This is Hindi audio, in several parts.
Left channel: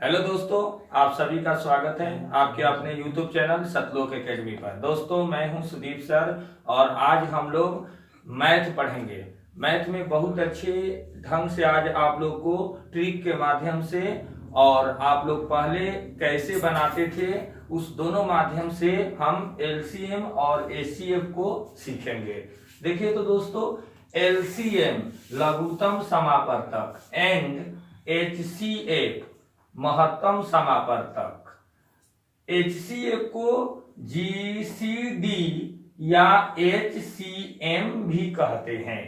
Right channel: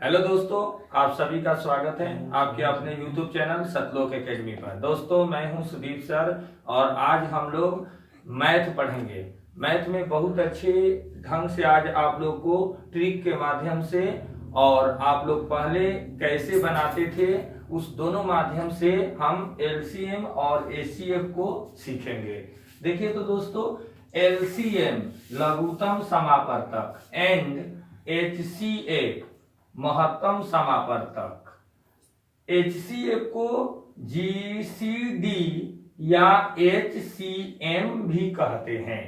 हेलो दोस्तों, आप सभी का स्वागत है आपके अपने YouTube चैनल सतलोक एकेडमी पर। दोस्तों, मैं हूं सुदीप सर और आज हम लोग मैथ पढ़ेंगे। मैथ में बहुत अच्छे ढंग से आज आप लोग को ट्रिक के माध्यम से और आप लोग पहले कैसे बनाते थे उस दोनों माध्यम से हम LCM और HCF को सीखेंगे। देखिए तो दोस्तों, LCM लघुत्तम समापवर्तक एंड HCF महत्तम समापवर्तक। HCF को GCD या HCM भी कहते हैं।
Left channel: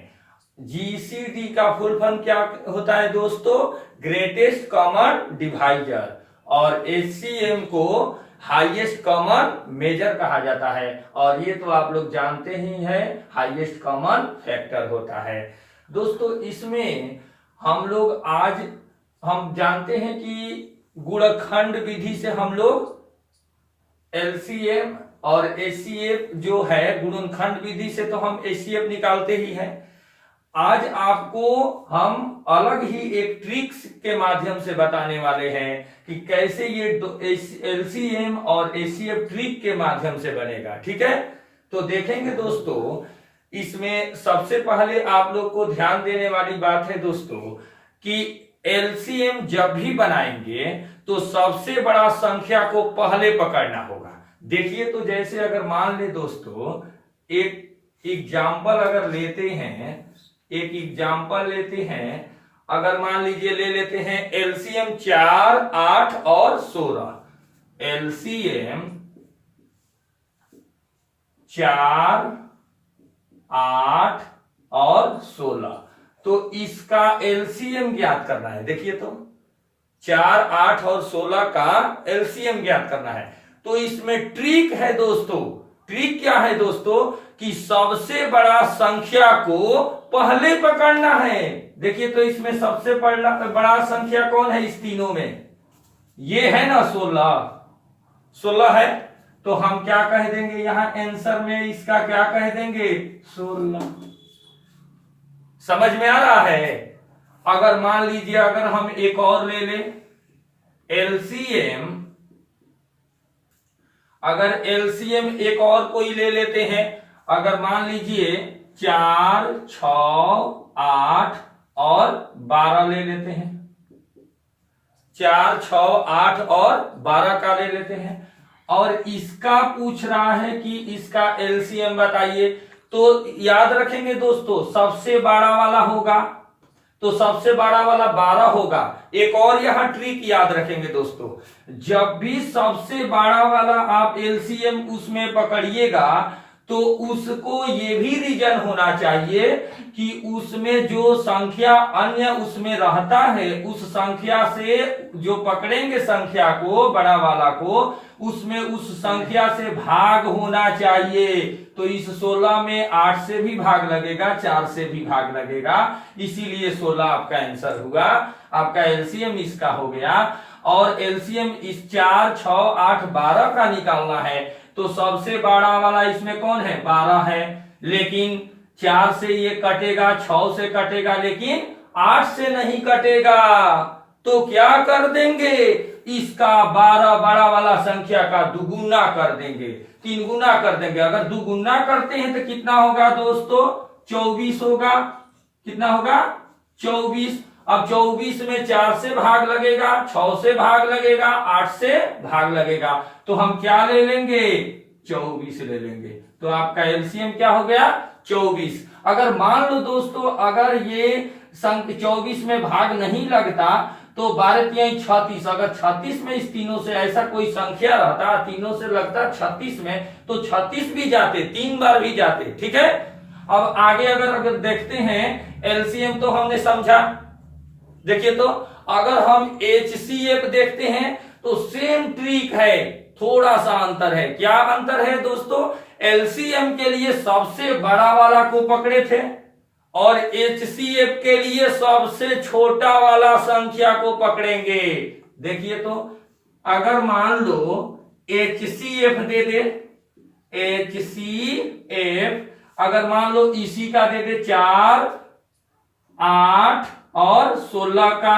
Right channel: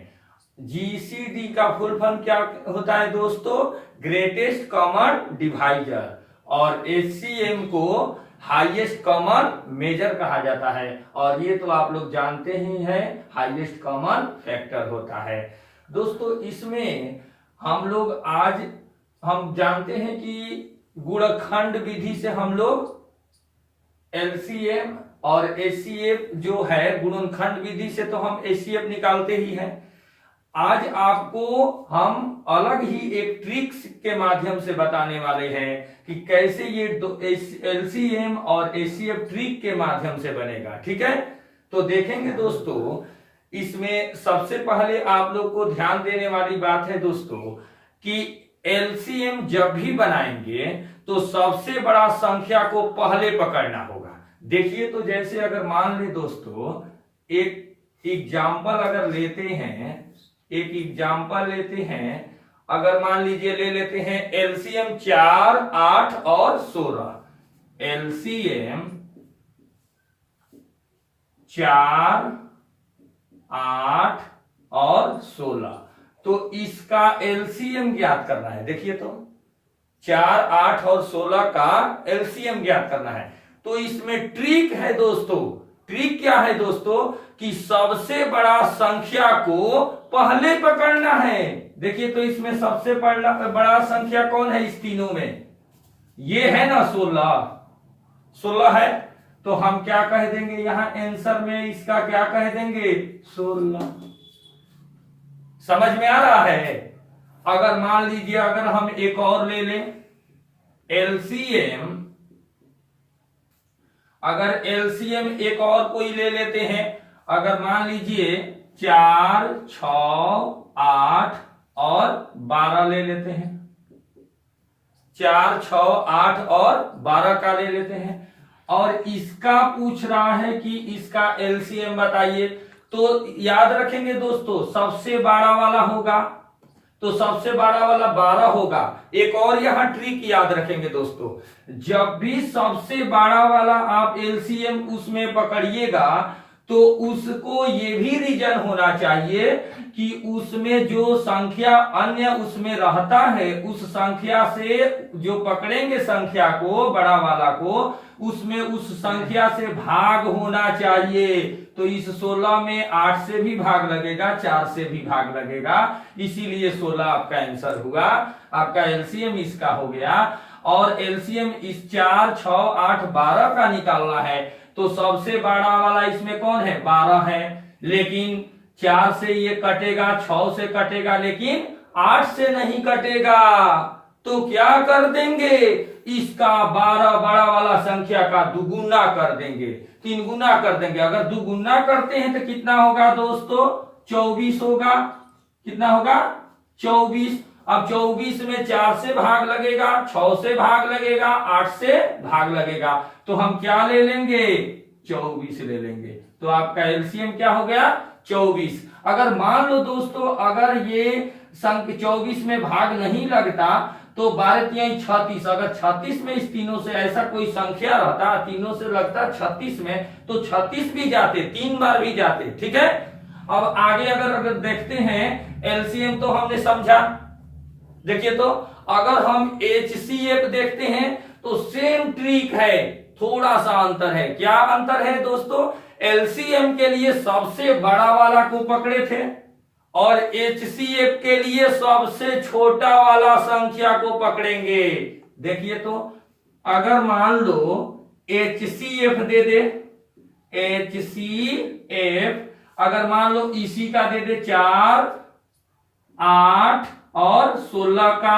GCD का फुल फॉर्म क्या होता है दोस्तों? Greatest common divisor. और HCM को हाईएस्ट कॉमन मेजर कहा जाता है और ये तो आप लोग जानते ही हैं, हाईएस्ट कॉमन फैक्टर होता है। दोस्तों, इसमें हम लोग आज हम जानते हैं कि गुणनखंड विधि से हम लोग LCM और HCF जो है, गुणनखंड विधि से तो हम HCF निकालते ही हैं। आज आपको हम अलग ही एक ट्रिक्स के माध्यम से बताने वाले हैं कि कैसे ये LCM और HCF ट्रिक के माध्यम से बनेगा। ठीक है, तो देखेंगे दोस्तों। इसमें सबसे पहले आप लोग को ध्यान देने वाली बात है दोस्तों कि LCM जब भी बनाएंगे तो सबसे बड़ा संख्या को पहले पकड़ना होगा। देखिए तो जैसे अगर मान ले दोस्तों, एक एग्जाम्पल अगर लेते हैं, अगर मान लीजिए ले लेते हैं LCM 4, 8 और 16। LCM 4, 8 और 16, तो इसका LCM ज्ञात करना है। देखिए तो 4, 8 और 16 का LCM ज्ञात करना है। तो इसमें ट्रिक है दोस्तों। ट्रिक क्या है दोस्तों कि सबसे बड़ा संख्या को पहले पकड़ना है। देखिए तो इसमें सबसे बड़ा संख्या कौन है इस तीनों में? ये है ना 16 है, तो हम क्या कह देंगे यहां आंसर में? इसका क्या कह देंगे? 16। समझ में आ रहा है? अगर मान लीजिए अगर हम एक और ले लें LCM, अगर LCM एक और कोई ले लेते हैं, अगर मान लीजिए 4, 6, 8 और 12 ले लेते हैं। 4, 6, 8 और 12 का ले लेते हैं और इसका पूछ रहा है कि इसका LCM बताइए। तो याद रखेंगे दोस्तों, सबसे बड़ा वाला होगा तो सबसे बड़ा वाला 12 होगा। एक और यहां ट्रिक याद रखेंगे दोस्तों, जब भी सबसे बड़ा वाला आप LCM उसमें पकड़िएगा तो उसको ये भी रीजन होना चाहिए कि उसमें जो संख्या अन्य उसमें रहता है, उस संख्या से जो पकड़ेंगे संख्या को, बड़ा वाला को, उसमें उस संख्या से भाग होना चाहिए। तो इस 16 में 8 से भी भाग लगेगा, 4 से भी भाग लगेगा, इसीलिए 16 आपका आंसर हुआ। आपका LCM इसका हो गया। और LCM इस 4, 6, 8, 12 का निकालना है तो सबसे बड़ा वाला इसमें कौन है? 12 है, लेकिन 4 से ये कटेगा, 6 से कटेगा, लेकिन 8 से नहीं कटेगा। तो क्या कर देंगे? इसका 12 बड़ा वाला संख्या का दुगुना कर देंगे, 3 गुना कर देंगे। अगर दुगुना करते हैं तो कितना होगा दोस्तों? 24 होगा। कितना होगा? 24। अब 24 में 4 से भाग लगेगा, 6 से भाग लगेगा, 8 से भाग लगेगा, तो हम क्या ले लेंगे? 24 ले लेंगे। तो आपका LCM क्या हो गया? 24। अगर मान लो दोस्तों, अगर ये संख्या 24 में भाग नहीं लगता तो 12 तिहाई 36, अगर 36 में इस तीनों से ऐसा कोई संख्या रहता, तीनों से लगता 36 में, तो 36 भी जाते, 3 बार भी जाते। ठीक है, अब आगे अगर देखते हैं LCM तो हमने समझा। देखिए तो अगर हम HCF देखते हैं तो सेम ट्रिक है, थोड़ा सा अंतर है। क्या अंतर है दोस्तों? LCM के लिए सबसे बड़ा वाला को पकड़े थे और HCF के लिए सबसे छोटा वाला संख्या को पकड़ेंगे। देखिए तो अगर मान लो HCF दे दे, HCF अगर मान लो इसी का दे दे 4, 8 और 16 का,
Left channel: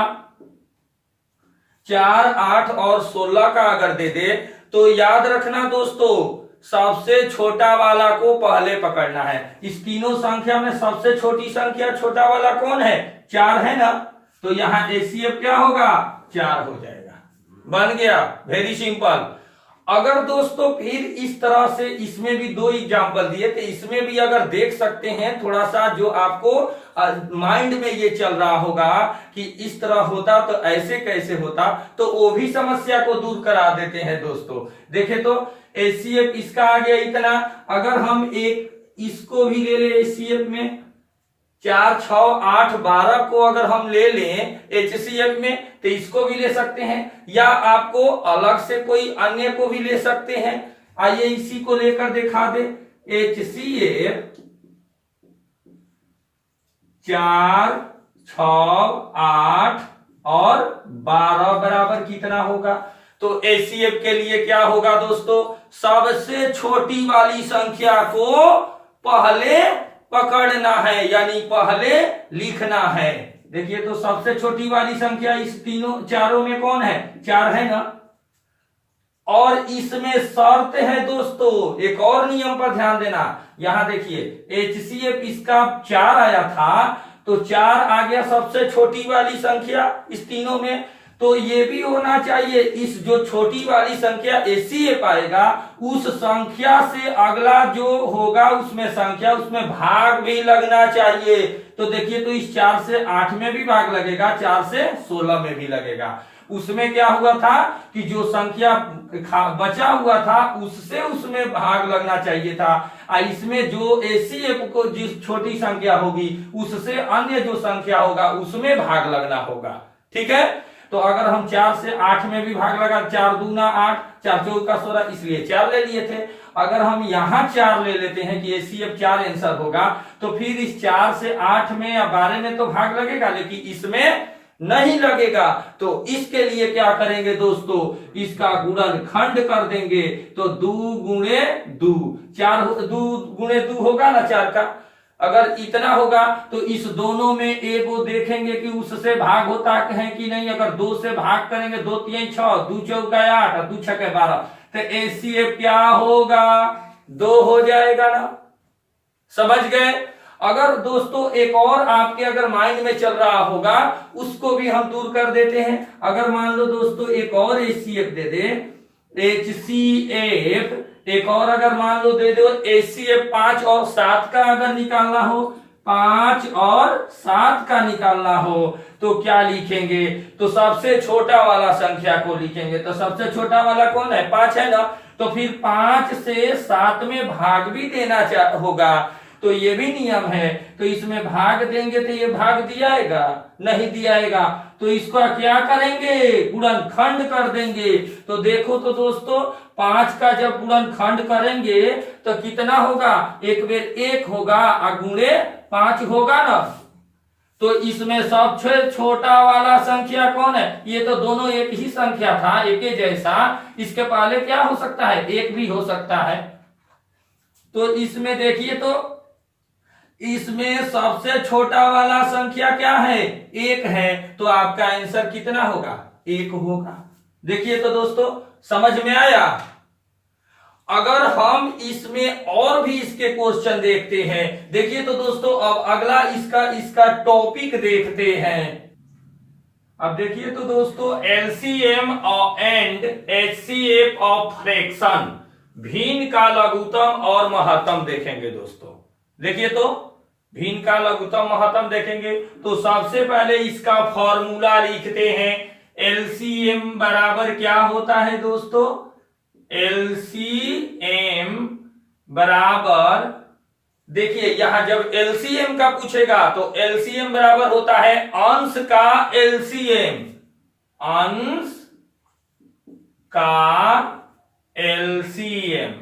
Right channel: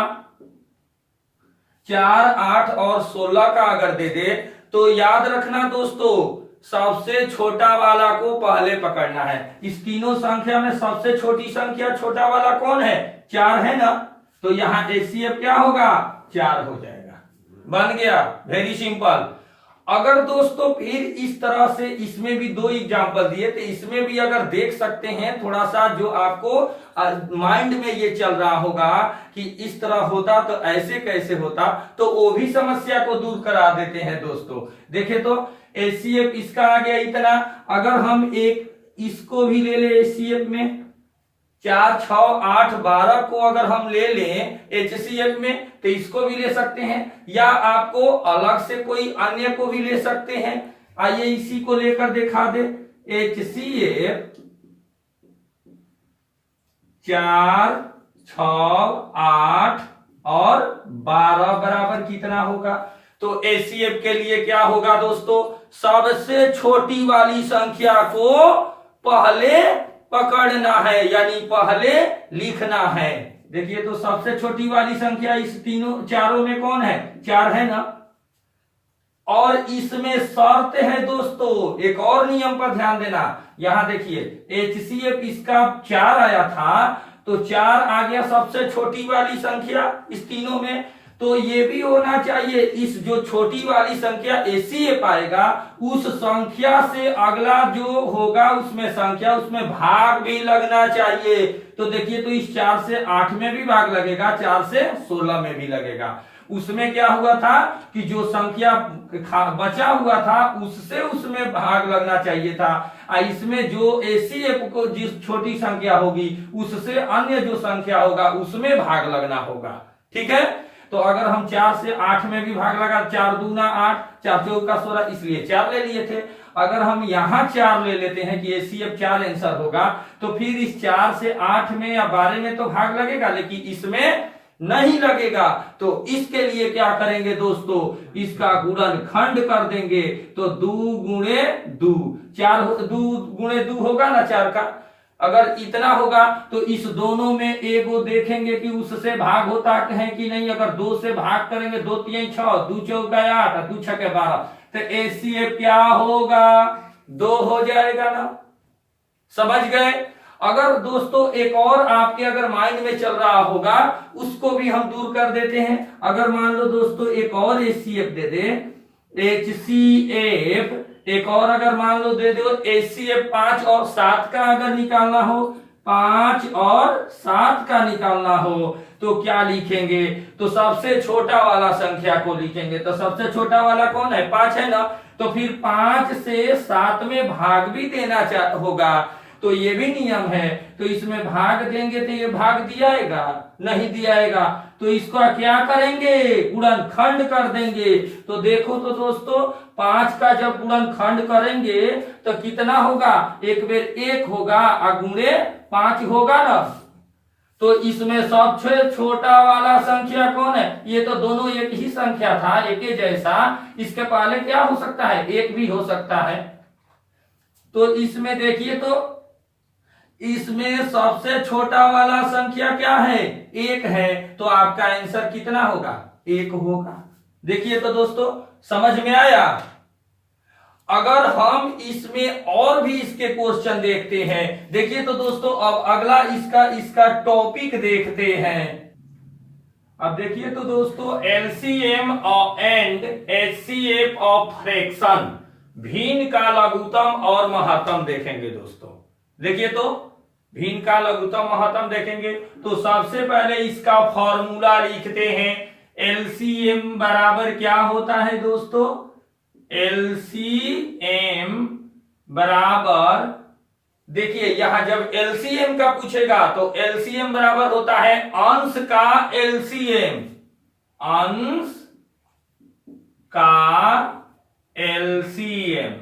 4, 8 और 16 का अगर दे दे तो याद रखना दोस्तों, सबसे छोटा वाला को पहले पकड़ना है। इस तीनों संख्या में सबसे छोटी संख्या छोटा वाला कौन है? 4 है ना, तो यहां एचसीएफ क्या होगा? 4 हो जाएगा। बन गया, वेरी सिंपल। अगर दोस्तों फिर इस तरह से इसमें भी 2 एग्जांपल दिए, तो इसमें भी अगर देख सकते हैं थोड़ा सा, जो आपको माइंड में ये चल रहा होगा कि इस तरह होता तो ऐसे कैसे होता, तो वो भी समस्या को दूर करा देते हैं दोस्तों। देखे तो एचसीएफ इसका आ गया इतना। अगर हम एक इसको भी ले ले एचसीएफ में, 4, 6, 8, 12 को अगर हम ले लें एचसीएफ में, तो इसको भी ले सकते हैं, या आपको अलग से कोई अन्य को भी ले सकते हैं। आइए इसी को लेकर दिखा दे। एचसीएफ 4, 6, 8 और 12 बराबर कितना होगा? तो एचसीएफ के लिए क्या होगा दोस्तों? सबसे छोटी वाली संख्या को पहले पकड़ना है, यानी पहले लिखना है। देखिए तो सबसे छोटी वाली संख्या इस तीनों चारों में कौन है? 4 है ना। और इसमें शर्त है दोस्तों, एक और नियम पर ध्यान देना। यहां देखिए एचसीएफ इसका 4 आया था, तो 4 आ गया सबसे छोटी वाली संख्या इस तीनों में, तो ये भी होना चाहिए इस जो छोटी वाली संख्या एचसीएफ आएगा, उस संख्या से अगला जो होगा उसमें संख्या, उसमें भाग भी लगना चाहिए। तो देखिए तो इस 4 से 8 में भी भाग लगेगा, 4 से 16 में भी लगेगा। उसमें क्या हुआ था कि जो संख्या बचा हुआ था उससे उसमें भाग लगना चाहिए था, इसमें जो एचसीएफ को जिस छोटी संख्या होगी उससे अन्य जो संख्या होगा उसमें भाग लगना होगा। ठीक है, तो अगर हम 4 से 8 में भी भाग लगा, 4 दूना 8, 4 चौका 16, इसलिए 4 ले लिए थे। अगर हम यहां 4 ले लेते हैं कि एचसीएफ 4 आंसर होगा, तो फिर इस 4 से 8 में या 12 में तो भाग लगेगा, लेकिन इसमें नहीं लगेगा। तो इसके लिए क्या करेंगे दोस्तों? इसका गुणनखंड कर देंगे। तो 2 गुणे 2, 4 2 गुणे 2 होगा ना 4 का। अगर इतना होगा तो इस दोनों में एगो देखेंगे कि उससे भाग होता है कि नहीं। अगर 2 से भाग करेंगे, 2 3 6, 2 चौका 8, 2 छक्के 12, तो एचसीएफ क्या होगा? 2 हो जाएगा ना। समझ गए? अगर दोस्तों एक और आपके अगर माइंड में चल रहा होगा, उसको भी हम दूर कर देते हैं। अगर मान लो दोस्तों एक और एचसीएफ दे दे, एचसीएफ एक और अगर मान लो दे दो एचसीएफ 5 और 7 का अगर निकालना हो, 5 और 7 का निकालना हो, तो क्या लिखेंगे? तो सबसे छोटा वाला संख्या को लिखेंगे। तो सबसे छोटा वाला कौन है? 5 है ना। तो फिर 5 से 7 में भाग भी देना होगा, तो ये भी नियम है। तो इसमें भाग देंगे तो ये भाग दियाएगा? नहीं दियाएगा। तो इसका क्या करेंगे? गुणनखंड कर देंगे। तो देखो तो दोस्तों 5 का जब गुणनखंड करेंगे तो कितना होगा? 1 बेर 1 होगा और गुणे 5 होगा ना। तो इसमें सबसे छोटा वाला संख्या कौन है? ये तो दोनों एक ही संख्या था, एक ही जैसा। इसके पहले क्या हो सकता है? 1 भी हो सकता है। तो इसमें देखिए तो इसमें सबसे छोटा वाला संख्या क्या है? 1 है। तो आपका आंसर कितना होगा? 1 होगा। देखिए तो दोस्तों समझ में आया। अगर हम इसमें और भी इसके क्वेश्चन देखते हैं, देखिए तो दोस्तों अब अगला इसका टॉपिक देखते हैं। अब देखिए तो दोस्तों LCM and HCF of fraction, भिन्न का लघुत्तम और महत्तम देखेंगे दोस्तों। देखिए तो भिन्न का लघुत्तम महत्तम देखेंगे। तो सबसे पहले इसका फॉर्मूला लिखते हैं। एलसीएम बराबर क्या होता है दोस्तों? एलसीएम बराबर, देखिए यहां जब एलसीएम का पूछेगा तो एलसीएम बराबर होता है अंश का एलसीएम, अंश का एलसीएम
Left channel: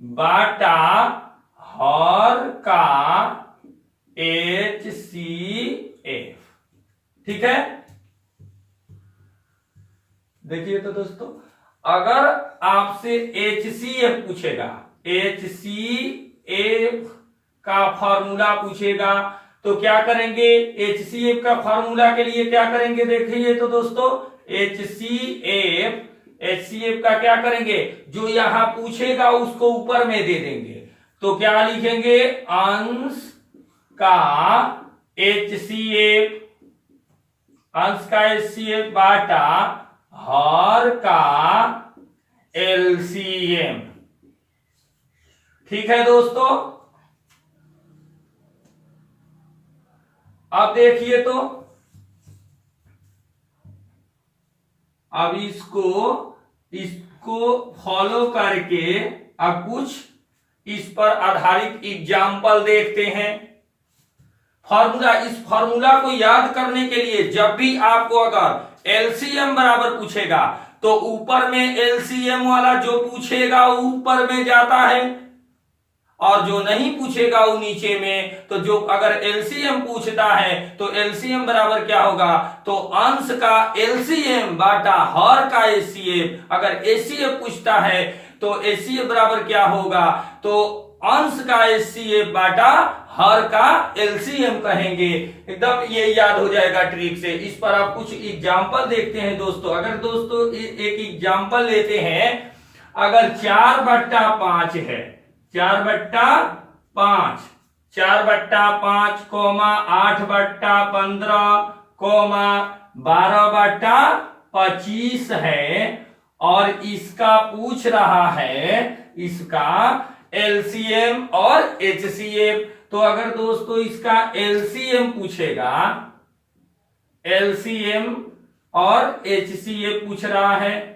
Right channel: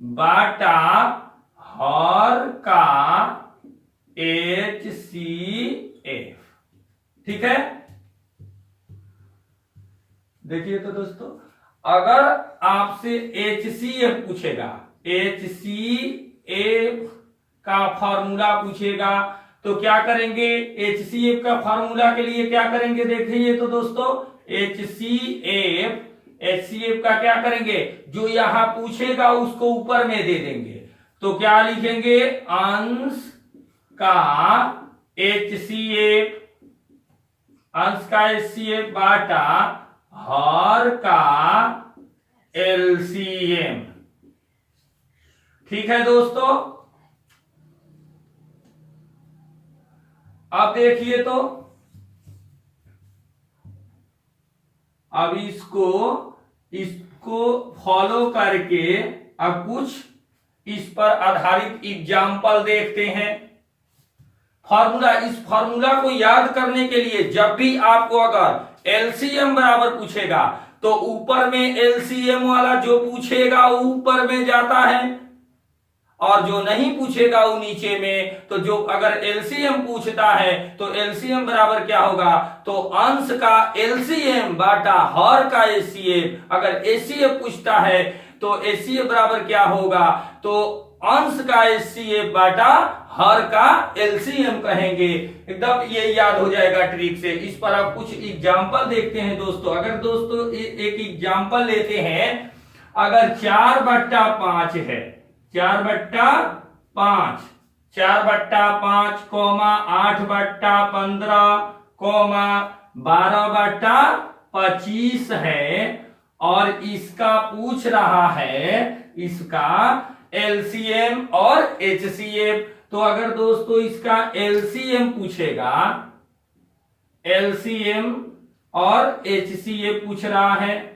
बाटा हर का एचसीएफ। ठीक है, देखिए तो दोस्तों अगर आपसे एचसीएफ पूछेगा, एचसीएफ का फॉर्मूला पूछेगा, तो क्या करेंगे, HCF का फॉर्मूला के लिए क्या करेंगे देखिए तो दोस्तों, HCF का क्या करेंगे, जो यहां पूछेगा उसको ऊपर में दे देंगे। तो क्या लिखेंगे, अंश का HCF, अंश का HCF बाटा हर का LCM। ठीक है दोस्तों, अब देखिए तो अब इसको फॉलो करके अब कुछ इस पर आधारित एग्जाम्पल देखते हैं। इस फॉर्मूला को याद करने के लिए जब भी आपको अगर एलसीएम बराबर पूछेगा तो ऊपर में एलसीएम वाला जो पूछेगा वो ऊपर में जाता है और जो नहीं पूछेगा वो नीचे में। तो जो अगर एलसीएम पूछता है तो एलसीएम बराबर क्या होगा, तो अंश का एलसीएम बाटा हर का एचसीएफ। अगर एचसीएफ पूछता है तो एचसीएफ बराबर क्या होगा, तो अंश का एचसीएफ बाटा हर का एलसीएम कहेंगे। एकदम ये याद हो जाएगा ट्रिक से। इस पर आप कुछ एग्जाम्पल देखते हैं दोस्तों। अगर दोस्तों एक एग्जाम्पल लेते हैं, अगर 4/5 है, 4/5, 4/5 कोमा 8/15 कोमा 12/25 है और इसका पूछ रहा है इसका एलसीएम और एचसीएफ। तो अगर दोस्तों इसका एलसीएम पूछेगा, एलसीएम और एचसीएफ पूछ रहा है,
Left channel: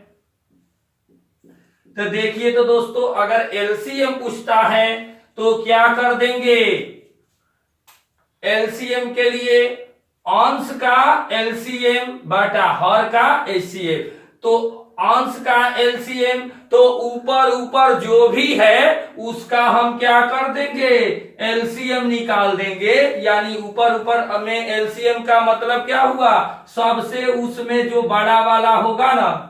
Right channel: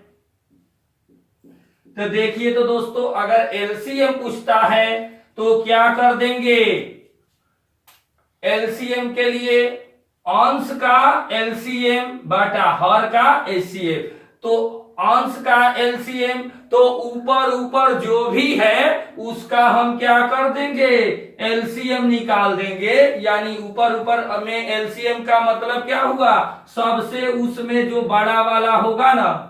तो देखिए तो दोस्तों अगर एलसीएम पूछता है तो क्या कर देंगे, एलसीएम के लिए अंश का एलसीएम बटा हर का एचसीएफ। तो अंश का एलसीएम तो ऊपर ऊपर जो भी है उसका हम क्या कर देंगे, एलसीएम निकाल देंगे। यानी ऊपर ऊपर में एलसीएम का मतलब क्या हुआ, सबसे उसमें जो बड़ा वाला होगा ना,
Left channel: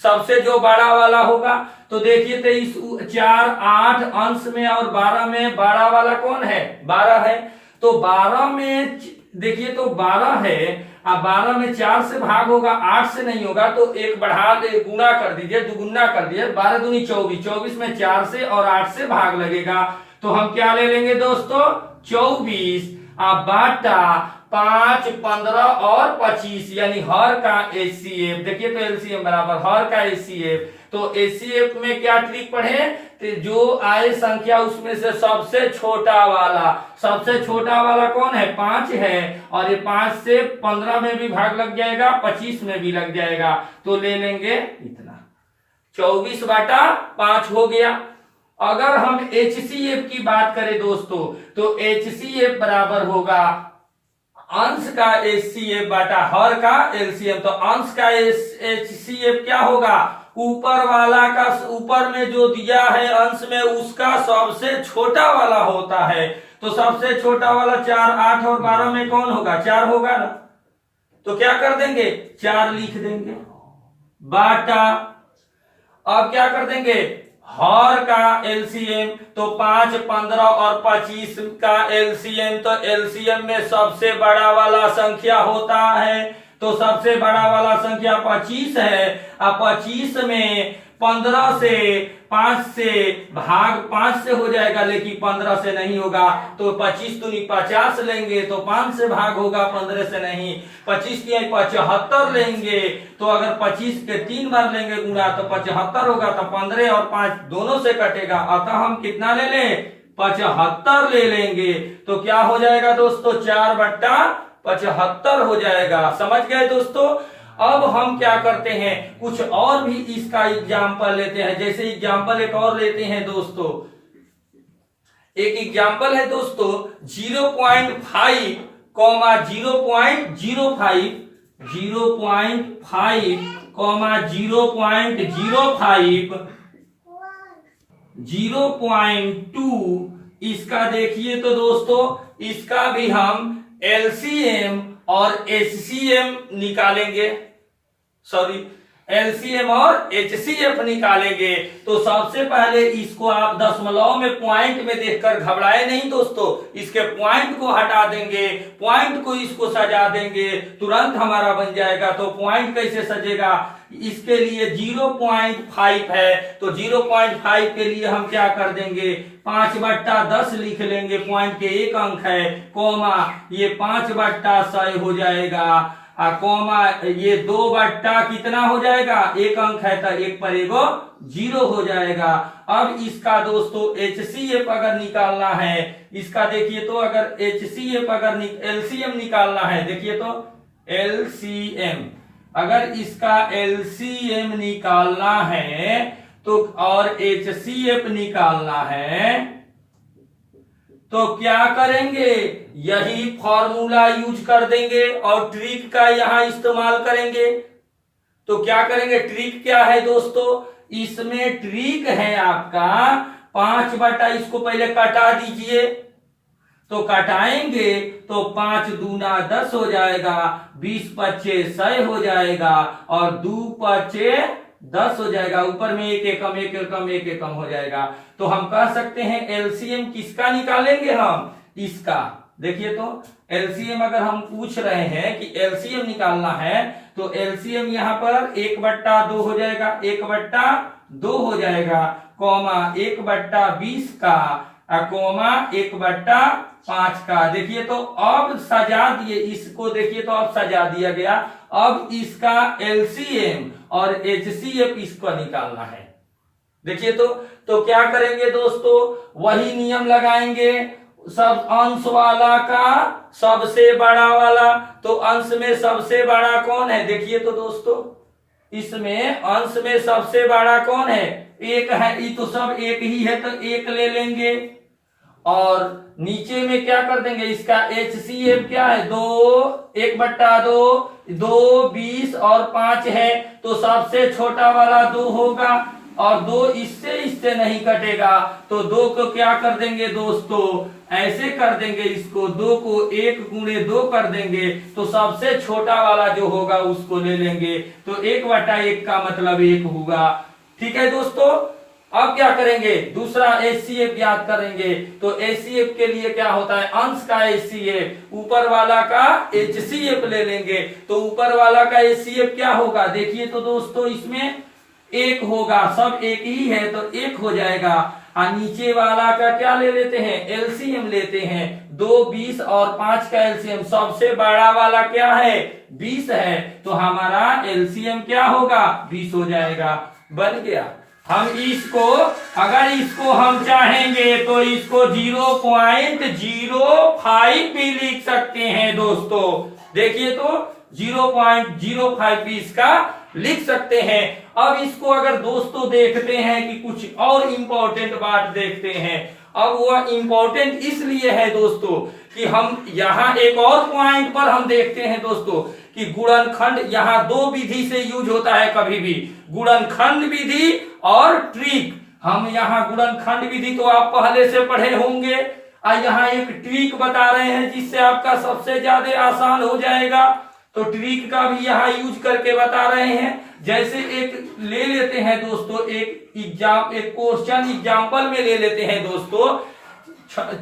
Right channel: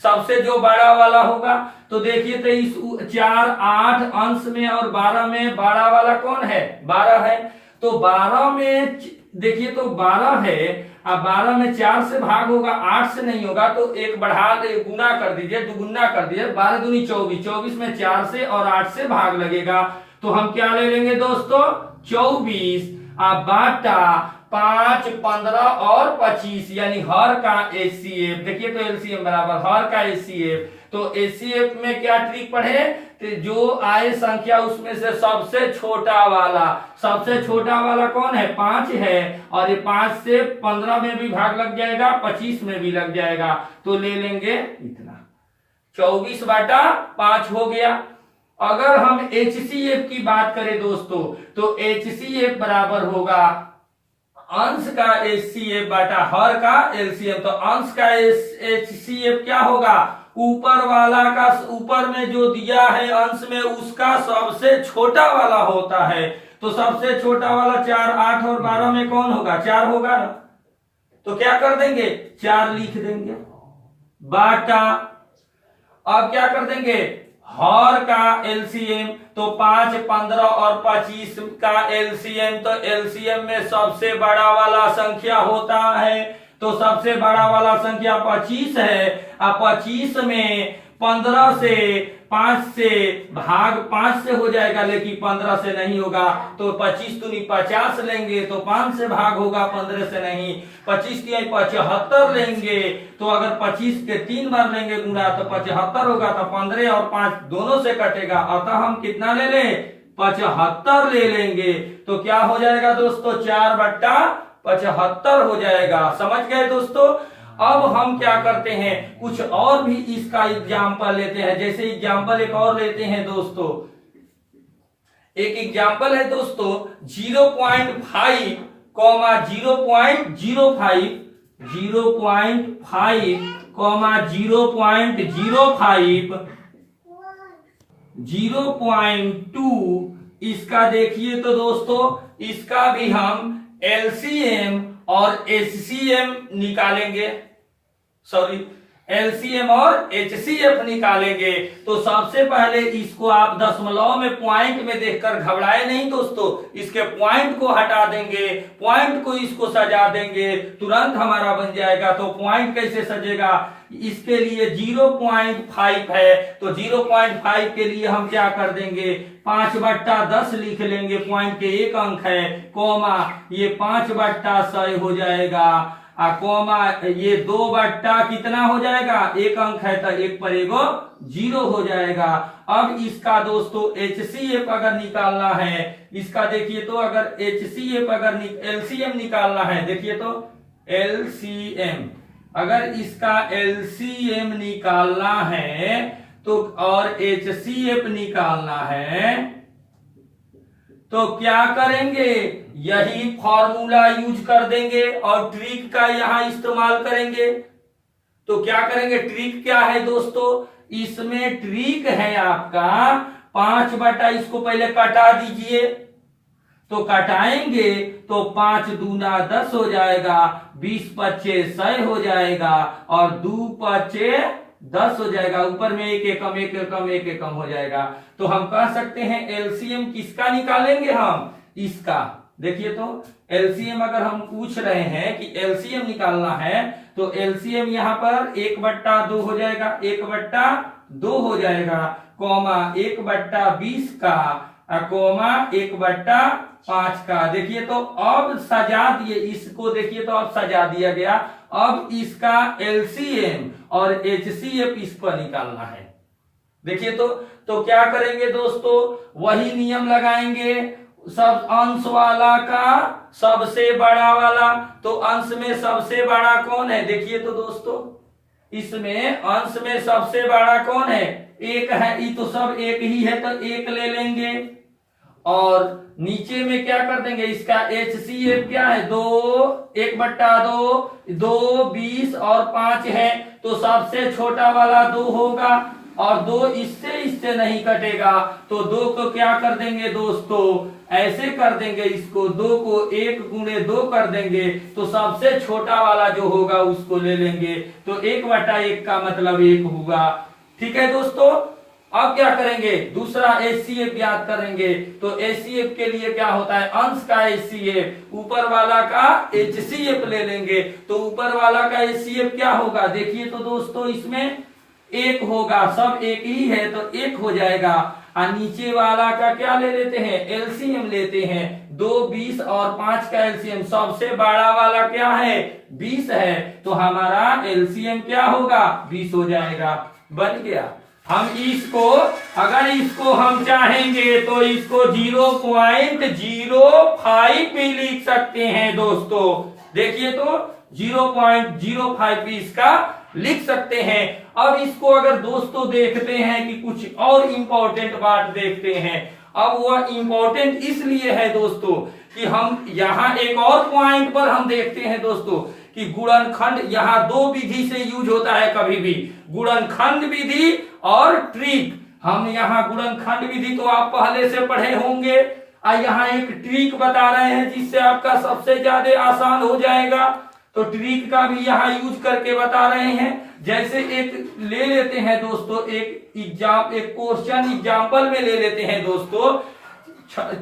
सबसे जो बड़ा वाला होगा। तो देखिए तो इस 4, 8 अंश में और 12 में बड़ा वाला कौन है, 12 है। तो 12 में देखिए तो 12 है, अब 12 में 4 से भाग होगा, 8 से नहीं होगा, तो एक बढ़ा दे, गुना कर दीजिए, दुगुना कर दीजिए, 12 दूनी 24, 24 में 4 से और 8 से भाग लगेगा। तो हम क्या ले लेंगे दोस्तों, 24 बाटा 5, 15 और 25 यानी हर का एचसीएफ। देखिए तो एलसीएम बराबर हर का एचसीएफ। तो एचसीएफ में क्या ट्रिक पढ़े, तो जो आए संख्या उसमें से सबसे छोटा वाला, सबसे छोटा वाला कौन है, 5 है, और ये 5 से 15 में भी भाग लग जाएगा, 25 में भी लग जाएगा। तो ले लेंगे इतना, 24/5 हो गया। अगर हम एचसीएफ की बात करें दोस्तों, तो एचसीएफ बराबर होगा अंश का एचसीएफ बाटा हर का एलसीएम। तो अंश का एचसीएफ क्या होगा, ऊपर वाला का, ऊपर में जो दिया है अंश में उसका सबसे छोटा वाला होता है। तो सबसे छोटा वाला 4, 8 और 12 में कौन होगा, 4 होगा ना। तो क्या कर देंगे, 4 लिख देंगे बाटा, अब क्या कर देंगे हर का एलसीएम। तो 5, 15 और 25 का एलसीएम, तो एलसीएम में सबसे बड़ा वाला संख्या होता है, तो सबसे बड़ा वाला संख्या 25 है। अब 25 में 15 से 5 से भाग 5 से हो जाएगा, लेकिन 15 से नहीं होगा। तो 25 दूनी 50 लेंगे तो 5 से भाग होगा, 15 से नहीं। 25 की 75 लेंगे, तो अगर 25 के 3 बार लेंगे गुणा तो 75 होगा, तो 15 और 5 दोनों से कटेगा। अतः हम कितना ले लें, 75 ले लेंगे। तो क्या हो जाएगा दोस्तों, 4/75 हो जाएगा। समझ गए दोस्तों। अब हम क्या करते हैं, कुछ और भी इसका एग्जाम्पल लेते हैं। जैसे एग्जाम्पल एक और लेते हैं दोस्तों, एक एग्जाम्पल है दोस्तों 0.5, 0.05, 0.5, 0.2। इसका देखिए तो दोस्तों, इसका भी हम एलसीएम और एचसीएम निकालेंगे, सॉरी एलसीएम और एचसीएफ निकालेंगे। तो सबसे पहले इसको आप दशमलव में पॉइंट में देखकर घबराए नहीं दोस्तों, इसके पॉइंट को हटा देंगे, पॉइंट को इसको सजा देंगे, तुरंत हमारा बन जाएगा। तो पॉइंट कैसे सजेगा, इसके लिए 0.5 है, तो 0.5 के लिए हम क्या कर देंगे, 5/10 लिख लेंगे, पॉइंट के एक अंक है, कोमा ये 5/100 हो जाएगा, कोमा ये 2 कितना हो जाएगा, एक अंक है तो एक पर एगो 0 हो जाएगा। अब इसका दोस्तों एचसीएफ अगर निकालना है, इसका देखिए तो अगर एचसीएफ अगर एलसीएम निकालना है, देखिए तो एलसीएम अगर इसका एलसीएम निकालना है तो और एचसीएफ निकालना है तो क्या करेंगे, यही फॉर्मूला यूज कर देंगे और ट्रिक का यहां इस्तेमाल करेंगे। तो क्या करेंगे, ट्रिक क्या है दोस्तों, इसमें ट्रिक है आपका 5 इसको पहले कटा दीजिए, तो कटाएंगे तो 5 दूना 10 हो जाएगा, 20×5 100 हो जाएगा और 2×5 10 हो जाएगा, ऊपर में एक एकम एक एकम एक एकम हो जाएगा। तो हम कह सकते हैं एलसीएम किसका निकालेंगे हम, इसका। देखिए तो एलसीएम अगर हम पूछ रहे हैं कि एलसीएम निकालना है तो एलसीएम यहाँ पर 1/2 हो जाएगा, 1/2 हो जाएगा, कॉमा 1/20 का, कोमा 1/5 का। देखिए तो अब सजा दिए इसको, देखिए तो अब सजा दिया गया। अब इसका एलसीएम और एचसीएफ इसको निकालना है। देखिए तो क्या करेंगे दोस्तों, वही नियम लगाएंगे, सब अंश वाला का सबसे बड़ा वाला। तो अंश में सबसे बड़ा कौन है, देखिए तो दोस्तों इसमें अंश में सबसे बड़ा कौन है, एक है, ये तो सब एक ही है तो एक ले लेंगे। और नीचे में क्या कर देंगे, इसका एचसीएफ क्या है, 2, 1/2, 2, 20 और 5 है, तो सबसे छोटा वाला 2 होगा और 2 इससे नहीं कटेगा, तो 2 को क्या कर देंगे दोस्तों, ऐसे कर देंगे, इसको 2 को 1×2 कर देंगे, तो सबसे छोटा वाला जो होगा उसको ले लेंगे, तो 1/1 का मतलब 1 होगा। ठीक है दोस्तों, अब क्या करेंगे, दूसरा एचसीएफ ज्ञात करेंगे। तो एचसीएफ के लिए क्या होता है, अंश का एचसीएफ, ऊपर वाला का एचसीएफ ले लेंगे, तो ऊपर वाला का एचसीएफ क्या होगा, देखिए तो दोस्तों इसमें 1 होगा, सब एक ही है तो 1 हो जाएगा। और नीचे वाला का क्या ले लेते हैं, एलसीएम लेते हैं, 2, 20 और 5 का एलसीएम, सबसे बड़ा वाला क्या है, 20 है, तो हमारा एलसीएम क्या होगा, 20 हो जाएगा, बन गया। हम इसको अगर इसको हम चाहेंगे तो इसको 0.05 भी लिख सकते हैं दोस्तों। देखिए तो 0.05 भी इसका लिख सकते हैं। अब इसको अगर दोस्तों देखते हैं कि कुछ और इंपॉर्टेंट बात देखते हैं। अब वह इंपॉर्टेंट इसलिए है दोस्तों कि हम यहाँ एक और पॉइंट पर हम देखते हैं दोस्तों कि गुणनखंड यहाँ 2 विधि से यूज होता है कभी भी, गुणनखंड विधि और ट्रिक। हम यहाँ गुणनखंड विधि तो आप पहले से पढ़े होंगे, और यहाँ एक ट्रिक बता रहे हैं जिससे आपका सबसे ज्यादा आसान हो जाएगा। तो ट्रिक का भी यहाँ यूज करके बता रहे हैं। जैसे एक ले लेते हैं दोस्तों, एक क्वेश्चन एग्जाम्पल में ले लेते हैं दोस्तों,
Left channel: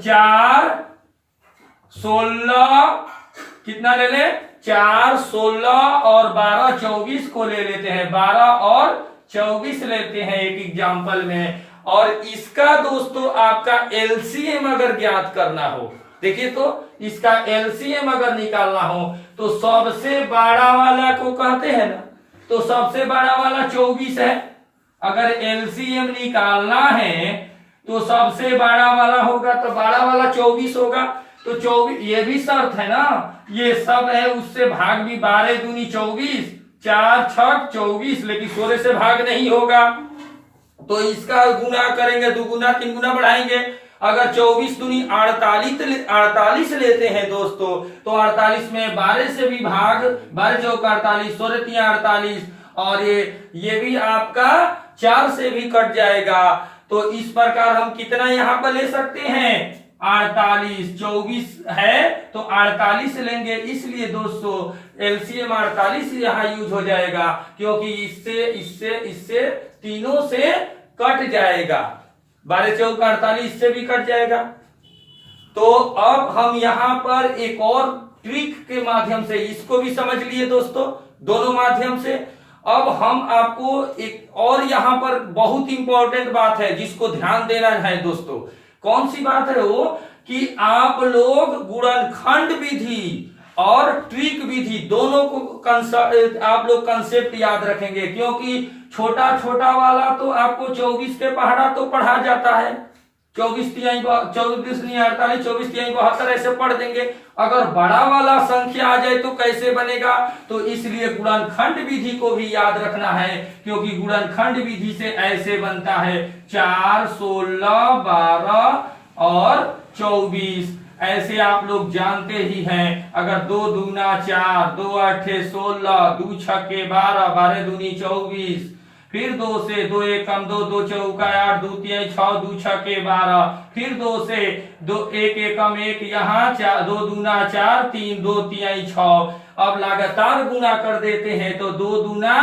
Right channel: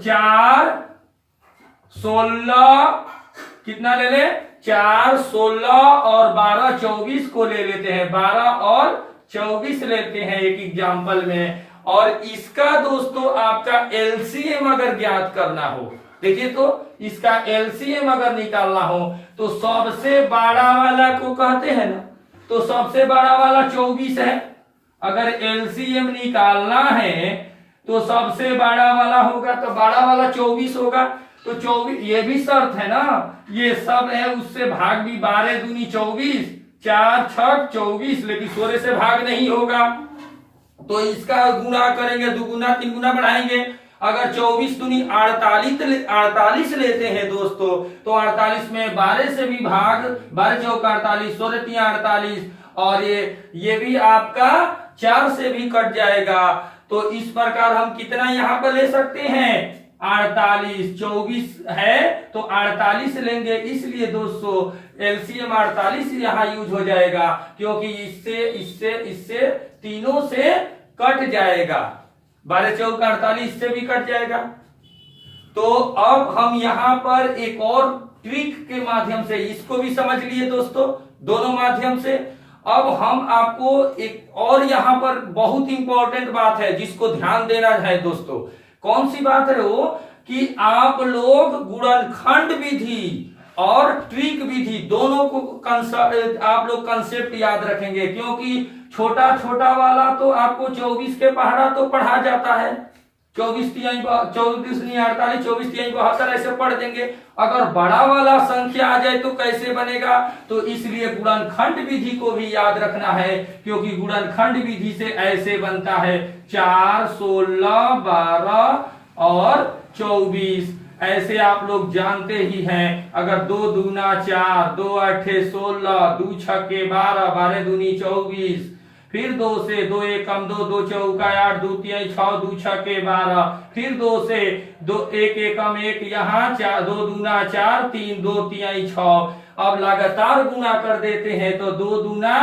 4, 16 कितना ले ले, 4, 16 और 12, 24 को ले लेते हैं, 12 और 24 लेते हैं एक एग्जाम्पल में। और इसका दोस्तों आपका एलसीएम अगर ज्ञात करना हो, देखिए तो इसका एलसीएम अगर निकालना हो तो सबसे बड़ा वाला को कहते हैं ना, तो सबसे बड़ा वाला 24 है। अगर एलसीएम निकालना है तो सबसे बड़ा वाला होगा, तो बड़ा वाला 24 होगा। तो 24, ये भी शर्त है ना, ये सब है, उससे भाग भी, 12 दूनी 24, 4 6 24, लेकिन 16 से भाग नहीं होगा। तो इसका गुना करेंगे, 2 गुना 3 गुना बढ़ाएंगे। अगर 24 दूनी 48 लेते हैं दोस्तों, तो 48 में 12 से भी भाग, 12 चौका 48, 16 3 48, और ये भी आपका 4 से भी कट जाएगा। तो इस प्रकार हम कितना यहाँ पर ले सकते हैं, 48, 24 है तो 48 लेंगे, इसलिए दोस्तों एलसीएम 48 यहाँ यूज हो जाएगा, क्योंकि इससे इससे इससे तीनों से कट जाएगा। 12 चौका 48 इससे भी कट जाएगा। तो अब हम यहां पर एक और ट्रिक के माध्यम से इसको भी समझ लिए दोस्तों, दोनों माध्यम से। अब हम आपको एक और यहां पर बहुत इंपॉर्टेंट बात है जिसको ध्यान देना है दोस्तों। कौन सी बात है वो, कि आप लोग गुणनखंड विधि और ट्रिक विधि दोनों को आप लोग कंसेप्ट याद रखेंगे, क्योंकि छोटा छोटा वाला तो आपको 24 के पहाड़ा तो पढ़ा जाता है, 24 नहीं 48, 24 72 ऐसे पढ़ देंगे। अगर बड़ा वाला संख्या आ जाए तो कैसे बनेगा, तो इसलिए गुणनखंड विधि को भी याद रखना है, क्योंकि गुणनखंड विधि से ऐसे बनता है 4, 16, 12 और 24। ऐसे आप लोग जानते ही हैं। अगर 2 दूना 4, 2 आठे 16, 2 छक्के 12, 12 दूनी 24, फिर 2 से 2 एकम 2, 2 चौका 8, 2 तिहाई 6, 2 छक्के 12, फिर 2 से 2 1 एकम 1, यहाँ 2 दूना 4, 3 2 तिहाई 6। अब लगातार गुणा कर देते हैं तो 2 दूना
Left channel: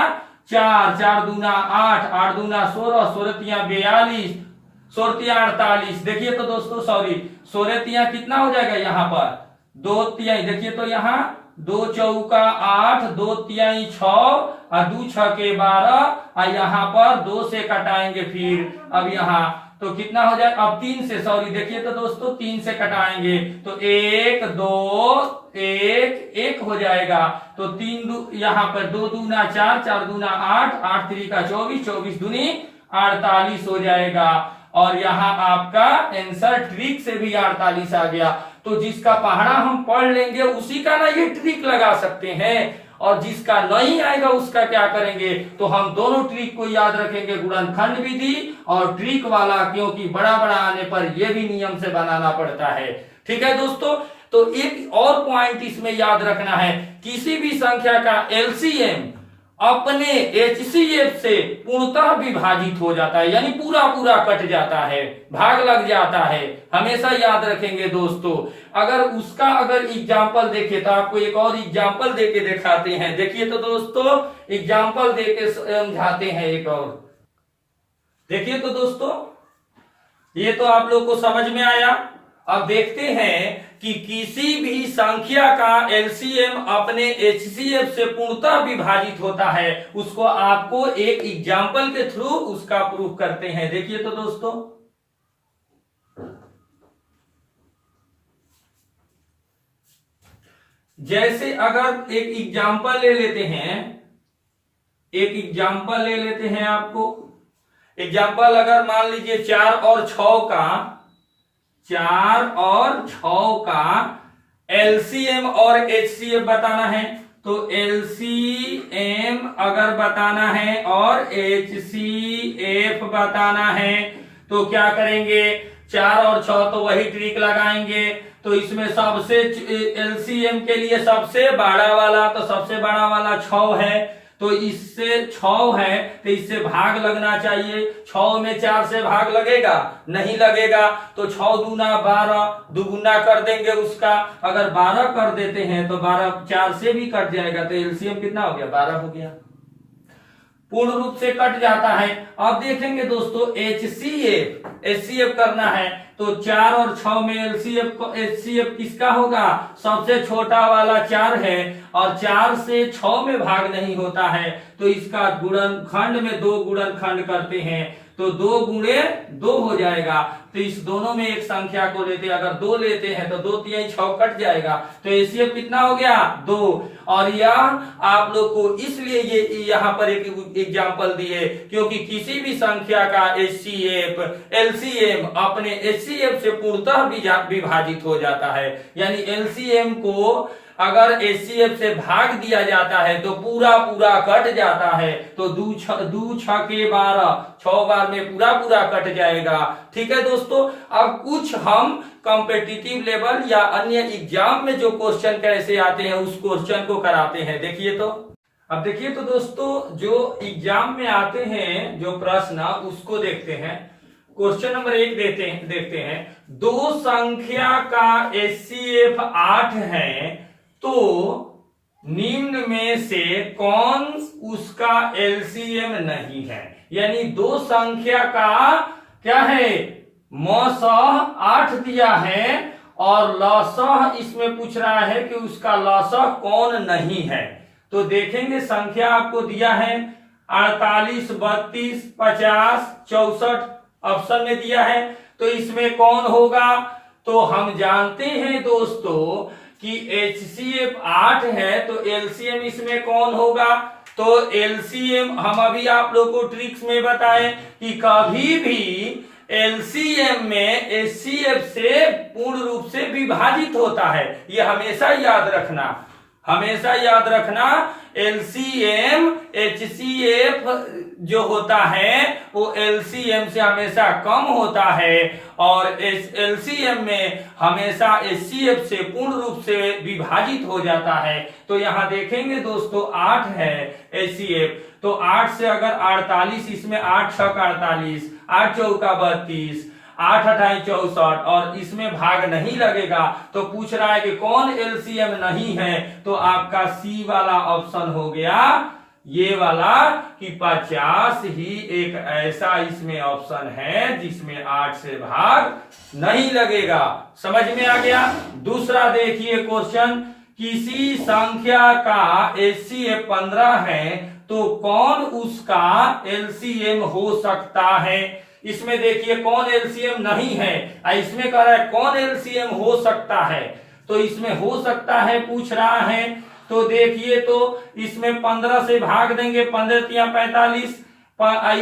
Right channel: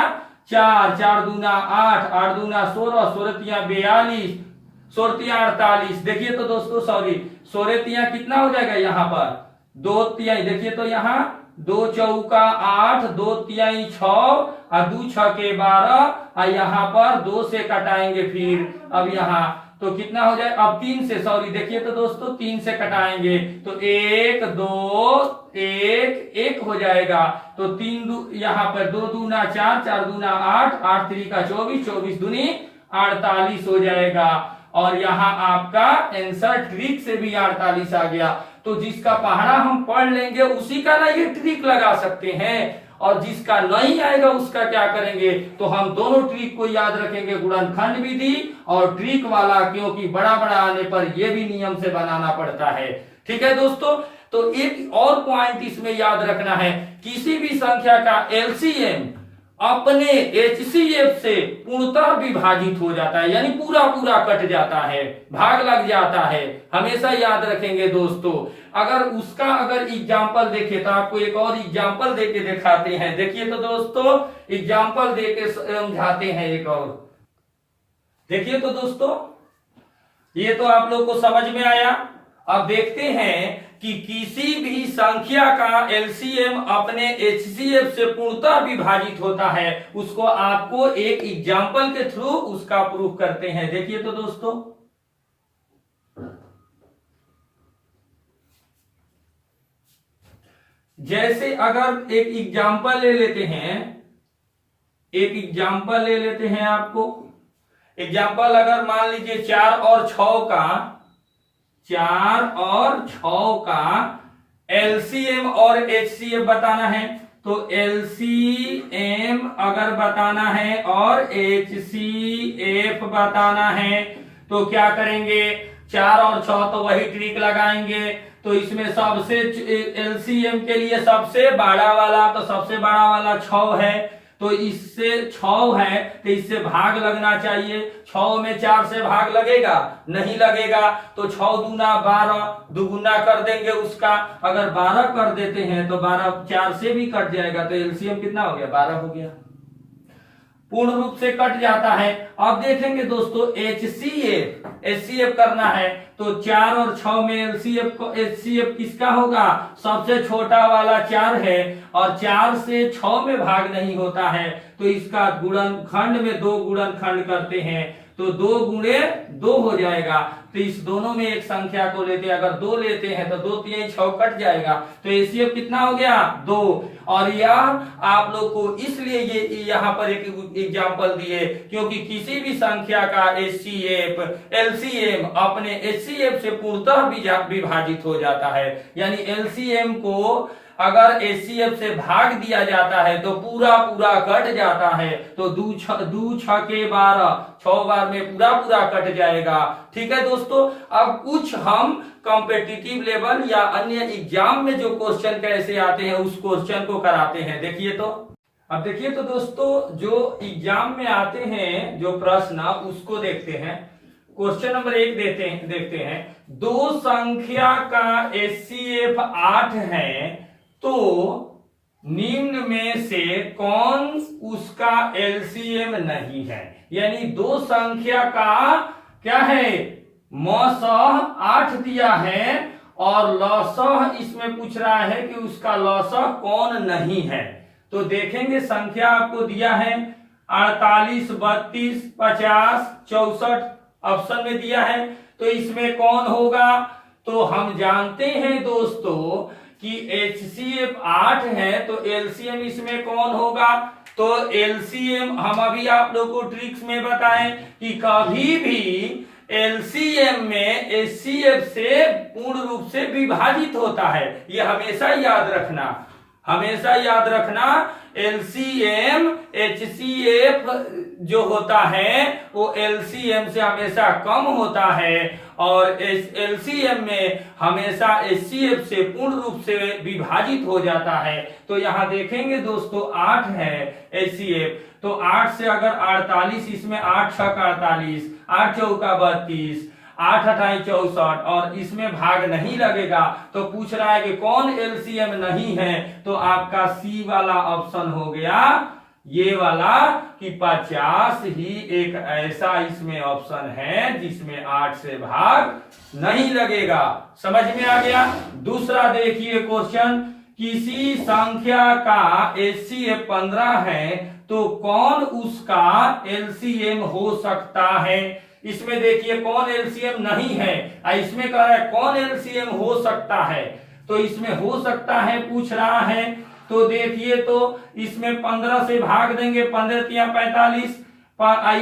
4, 4 दूना 8, 8 दूना 16, 16 तिया 42, 16 तिया 48। देखिए तो दोस्तों, सॉरी 16 तिया कितना हो जाएगा यहाँ पर 2 तिहाई, देखिए तो यहाँ 2 चौका 8, 2 तिहाई 6 और 2 छक्के 12, और यहाँ पर 2 से कटाएंगे। फिर अब यहाँ तो कितना हो जाए, अब 3 से, सॉरी देखिए तो दोस्तों 3 से कटाएंगे तो 1 2 1 1 हो जाएगा। तो 3 यहाँ पर 2 दूना 4, 4 दूना 8, 8 3 का 24, 24 दूनी 48 हो जाएगा। और यहाँ आपका आंसर ट्रिक से भी 48 आ गया। तो जिसका पहाड़ा हम पढ़ लेंगे उसी का ना ये ट्रिक लगा सकते हैं, और जिसका नहीं आएगा उसका क्या करेंगे, तो हम दोनों ट्रिक को याद रखेंगे, गुणनखंड विधि और ट्रिक वाला, क्योंकि बड़ा बड़ा आने पर यह भी नियम से बनाना पड़ता है। ठीक है दोस्तों, तो एक और पॉइंट इसमें याद रखना है, किसी भी संख्या का एलसीएम अपने एचसीएफ से पूर्णतः विभाजित हो जाता है, यानी पूरा पूरा कट जाता है, भाग लग जाता है, हमेशा याद रखेंगे दोस्तों। अगर उसका एग्जाम्पल देखे तो आपको एक और एग्जाम्पल देके दिखाते हैं। देखिए तो दोस्तों, एग्जाम्पल देके समझाते हैं एक और। देखिए तो दोस्तों, ये तो आप लोग को समझ में आया। अब देखते हैं कि किसी भी संख्या का एलसीएम अपने एचसीएफ से पूर्णतः विभाजित होता है, उसको आपको एक एग्जाम्पल के थ्रू उसका प्रूफ करते हैं। देखिए तो दोस्तों, जैसे अगर एक एग्जाम्पल ले लेते हैं, एक एग्जाम्पल ले लेते हैं आपको एग्जाम्पल, अगर मान लीजिए 4 और 6 का, 4 और 6 का एलसीएम और एचसीएफ बताना है। तो एलसीएम अगर बताना है और एचसीएफ बताना है तो क्या करेंगे, 4 और 6 तो वही ट्रिक लगाएंगे। तो इसमें सबसे एलसीएम के लिए सबसे बड़ा वाला, तो सबसे बड़ा वाला 6 है, तो इससे 6 है तो इससे भाग लगना चाहिए। 6 में 4 से भाग लगेगा, नहीं लगेगा, तो 6 दूना 12, दुगुना कर देंगे उसका। अगर 12 कर देते हैं तो 12 4 से भी कट जाएगा, तो एलसीएम कितना हो गया, 12 हो गया, पूर्ण रूप से कट जाता है। अब देखेंगे दोस्तों एचसीएफ करना है, तो 4 और 6 में एचसीएफ किसका होगा, सबसे छोटा वाला 4 है, और 4 से 6 में भाग नहीं होता है, तो इसका गुणनखंड में 2 गुणनखंड करते हैं, तो 2 गुणे 2 हो जाएगा। तो इस दोनों में एक संख्या को लेते हैं, अगर 2 लेते हैं तो 2 3 6 कट जाएगा, तो एचसीएफ कितना हो गया, 2। और यह आप लोग को इसलिए ये यहाँ पर एक एग्जांपल दिए, क्योंकि किसी भी संख्या का एचसीएफ एलसीएम अपने एचसीएफ से पूर्णतः विभाजित हो जाता है, यानी एलसीएम को अगर एचसीएफ से भाग दिया जाता है तो पूरा पूरा कट जाता है। तो 2 6 के 12, 6 बार में पूरा पूरा कट जाएगा। ठीक है दोस्तों, अब कुछ हम कॉम्पिटिटिव लेवल या अन्य एग्जाम में जो क्वेश्चन कैसे आते हैं उस क्वेश्चन को कराते हैं। देखिए तो, अब देखिए तो दोस्तों, जो एग्जाम में आते हैं जो प्रश्न उसको देखते हैं। क्वेश्चन नंबर 1 देखते हैं। दो संख्या का HCF 8 है तो निम्न में से कौन उसका LCM नहीं है। यानी दो संख्या का क्या है, मसह 8 दिया है और लसह इसमें पूछ रहा है कि उसका लसह कौन नहीं है। तो देखेंगे संख्या आपको दिया है 48, 32, 50, 64 ऑप्शन में दिया है, तो इसमें कौन होगा। तो हम जानते हैं दोस्तों कि HCF 8 है तो LCM इसमें कौन होगा। तो LCM हम अभी आप लोग को ट्रिक्स में बताएं कि कभी भी LCM में HCF से पूर्ण रूप से विभाजित होता है। ये हमेशा याद रखना LCM HCF जो होता है वो LCM से हमेशा कम होता है और LCM में हमेशा HCF से पूर्ण रूप से विभाजित हो जाता है। तो यहां देखेंगे दोस्तों 8 है HCF, तो 8 से अगर 48, इसमें 8 6 48, 8 चौका 32, 8 अठाई 64 और इसमें भाग नहीं लगेगा। तो पूछ रहा है कि कौन LCM नहीं है, तो आपका C वाला ऑप्शन हो गया ये वाला कि 50 ही एक ऐसा इसमें ऑप्शन है जिसमें 8 से भाग नहीं लगेगा। समझ में आ गया। दूसरा देखिए क्वेश्चन, किसी संख्या का HCF 15 है तो कौन उसका LCM हो सकता है। इसमें देखिए कौन LCM नहीं है, इसमें कह रहा है कौन LCM हो सकता है। तो इसमें हो सकता है पूछ रहा है, तो देखिए तो इसमें 15 से भाग देंगे, 15 तिया 45।